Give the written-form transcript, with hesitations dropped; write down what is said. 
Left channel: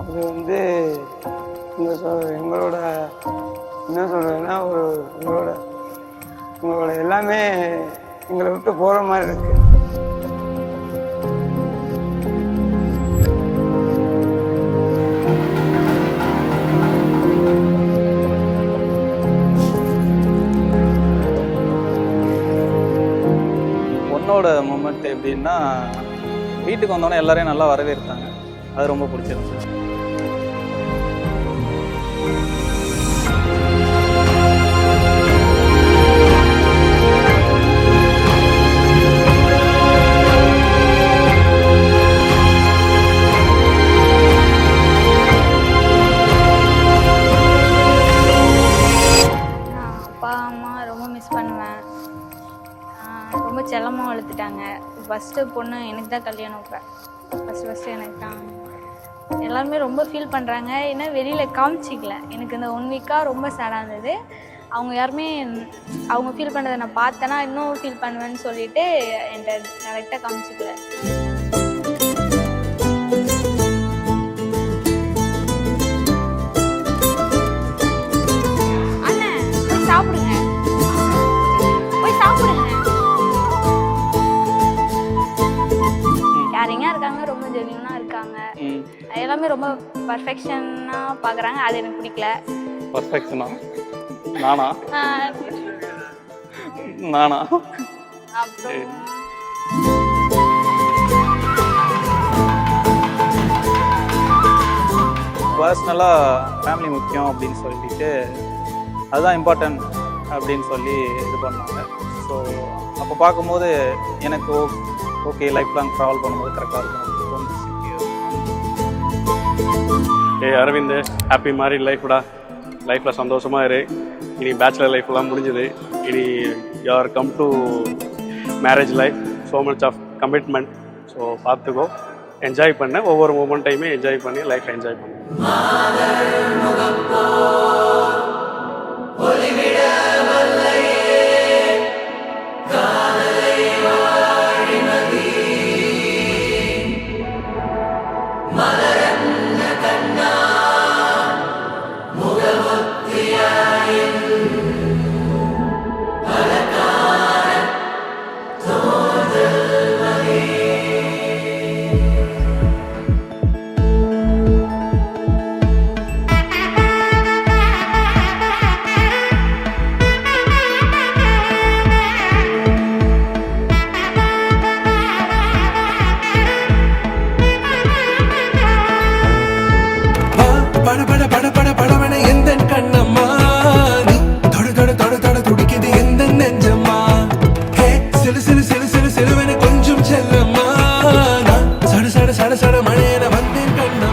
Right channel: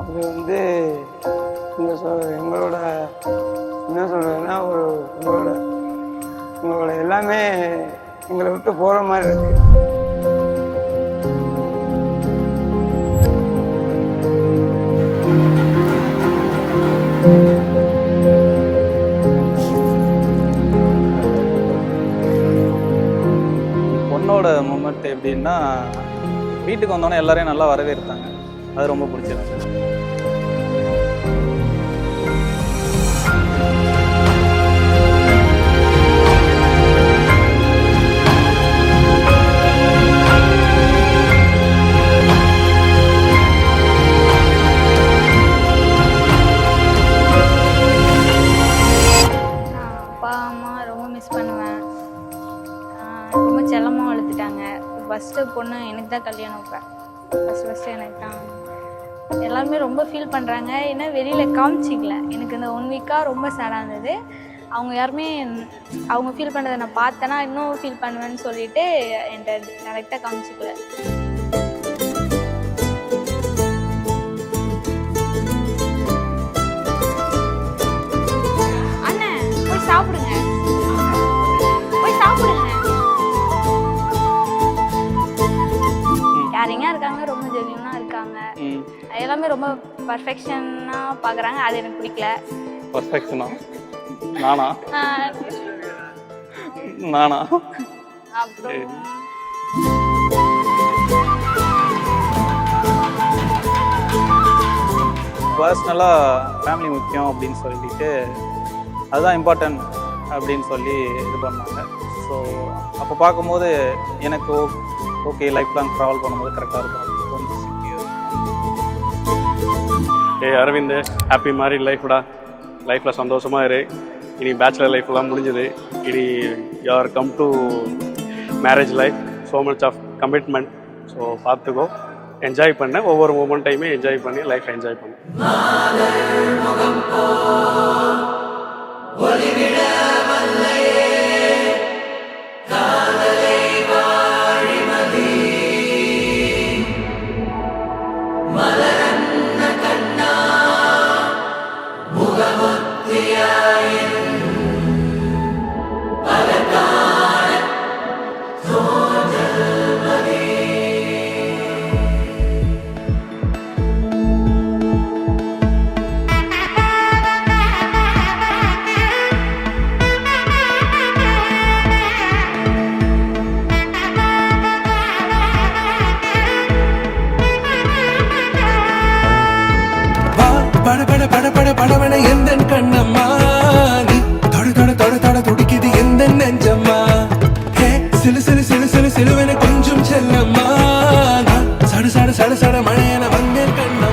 அது வந்து எங்களோட என்ன சொல்கிறதுன்னா உங்களோட எல்லாமே எங்களை விட்டு போகிற மாதிரி இருக்கு. பொண்ணோட மூமெண்ட் எப்படின்னா, வீட்டுக்கு வந்தோடனே எல்லாரையும் நல்லா வரவேற்பாங்க. அது ரொம்ப பிடிச்சிருந்தது. அப்பா அம்மா ரொம்ப மிஸ் பண்ணுவேன். ரொம்ப செல்லமாக வளர்த்துட்டாங்க. ஃபஸ்ட்டு பொண்ணு எனக்கு தான் கல்யாணம். இப்போ ஃபஸ்ட்டு எனக்கு தான். எல்லாருமே ரொம்ப ஃபீல் பண்ணுறாங்க. ஏன்னா வெளியில் காமிச்சிக்கல. எனக்கு இந்த 1 வீக்காக ரொம்ப சேடாக இருந்தது. அவங்க யாருமே அவங்க ஃபீல் பண்ணுறதை நான் பார்த்தேன்னா இன்னும் ஃபீல் பண்ணுவேன்னு சொல்லிட்டு என்கிட்ட டேரெக்டாக காமிச்சிக்கல. சாப்பிடுங்க, போய் சாப்பிடுங்க. கேரிங்காக இருக்காங்க, ரொம்ப ஜென்யூனாக இருக்காங்க. எல்லாமே ரொம்ப பர்ஃபெக்ஷனாக பார்க்குறாங்க. அது எனக்கு பிடிக்கல. பர்ஃபெக்ஷனா? நானா? அப்புறம் பர்சனலாக ஃபேமிலி முக்கியம் அப்படின்னு சொல்லிட்டு அதுதான் இம்பார்ட்டன்ட் அப்படின்னு சொல்லி இது பண்ணாங்க. ஸோ அப்போ பார்க்கும்போது எனக்கு ஓகே லைஃப் லாங் ட்ராவல் பண்ணும்போது கரெக்டாக இருக்கும் அப்படின்னு தோணுச்சு. அரவிந்த், ஹாப்பி மேரிட் லைஃப்டா. லைஃப்பில் சந்தோஷமாக இரு. இனி பேச்சுலர் லைஃப்லாம் முடிஞ்சுது. இனி you are come to marriage life. So much of commitment. So பார்த்துக்கோ, என்ஜாய் பண்ண. ஒவ்வொரு மூமெண்ட்டையுமே என்ஜாய் பண்ணி லைஃப் என்ஜாய் பண்ணு. பட பட பட பட படவன எந்த கண்ணம்மா, நீ தொட தொட தொட தொட துடிக்குது எந்த நெஞ்சம்மா. ஹே சிலு சிலு சிலு சிலு சிலுவன கொஞ்சம் செல்லம்மா, நான் சட சட சட சட மழையன வந்தேன் கண்ணம்மா.